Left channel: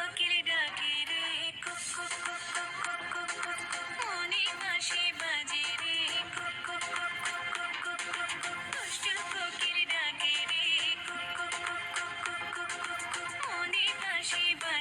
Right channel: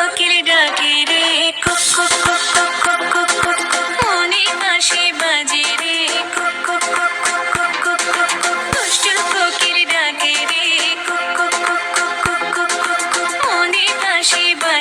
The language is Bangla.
কোকিল ডাকে রে, cook cook cook cook cook cook cook cook, মনে বাঁশি বাজে রে, cook cook cook cook cook cook cook cook, দুষ্টু কোকিল ডাকে রে, cook cook cook cook cook cook cook cook, মনে বাঁশি বাজে।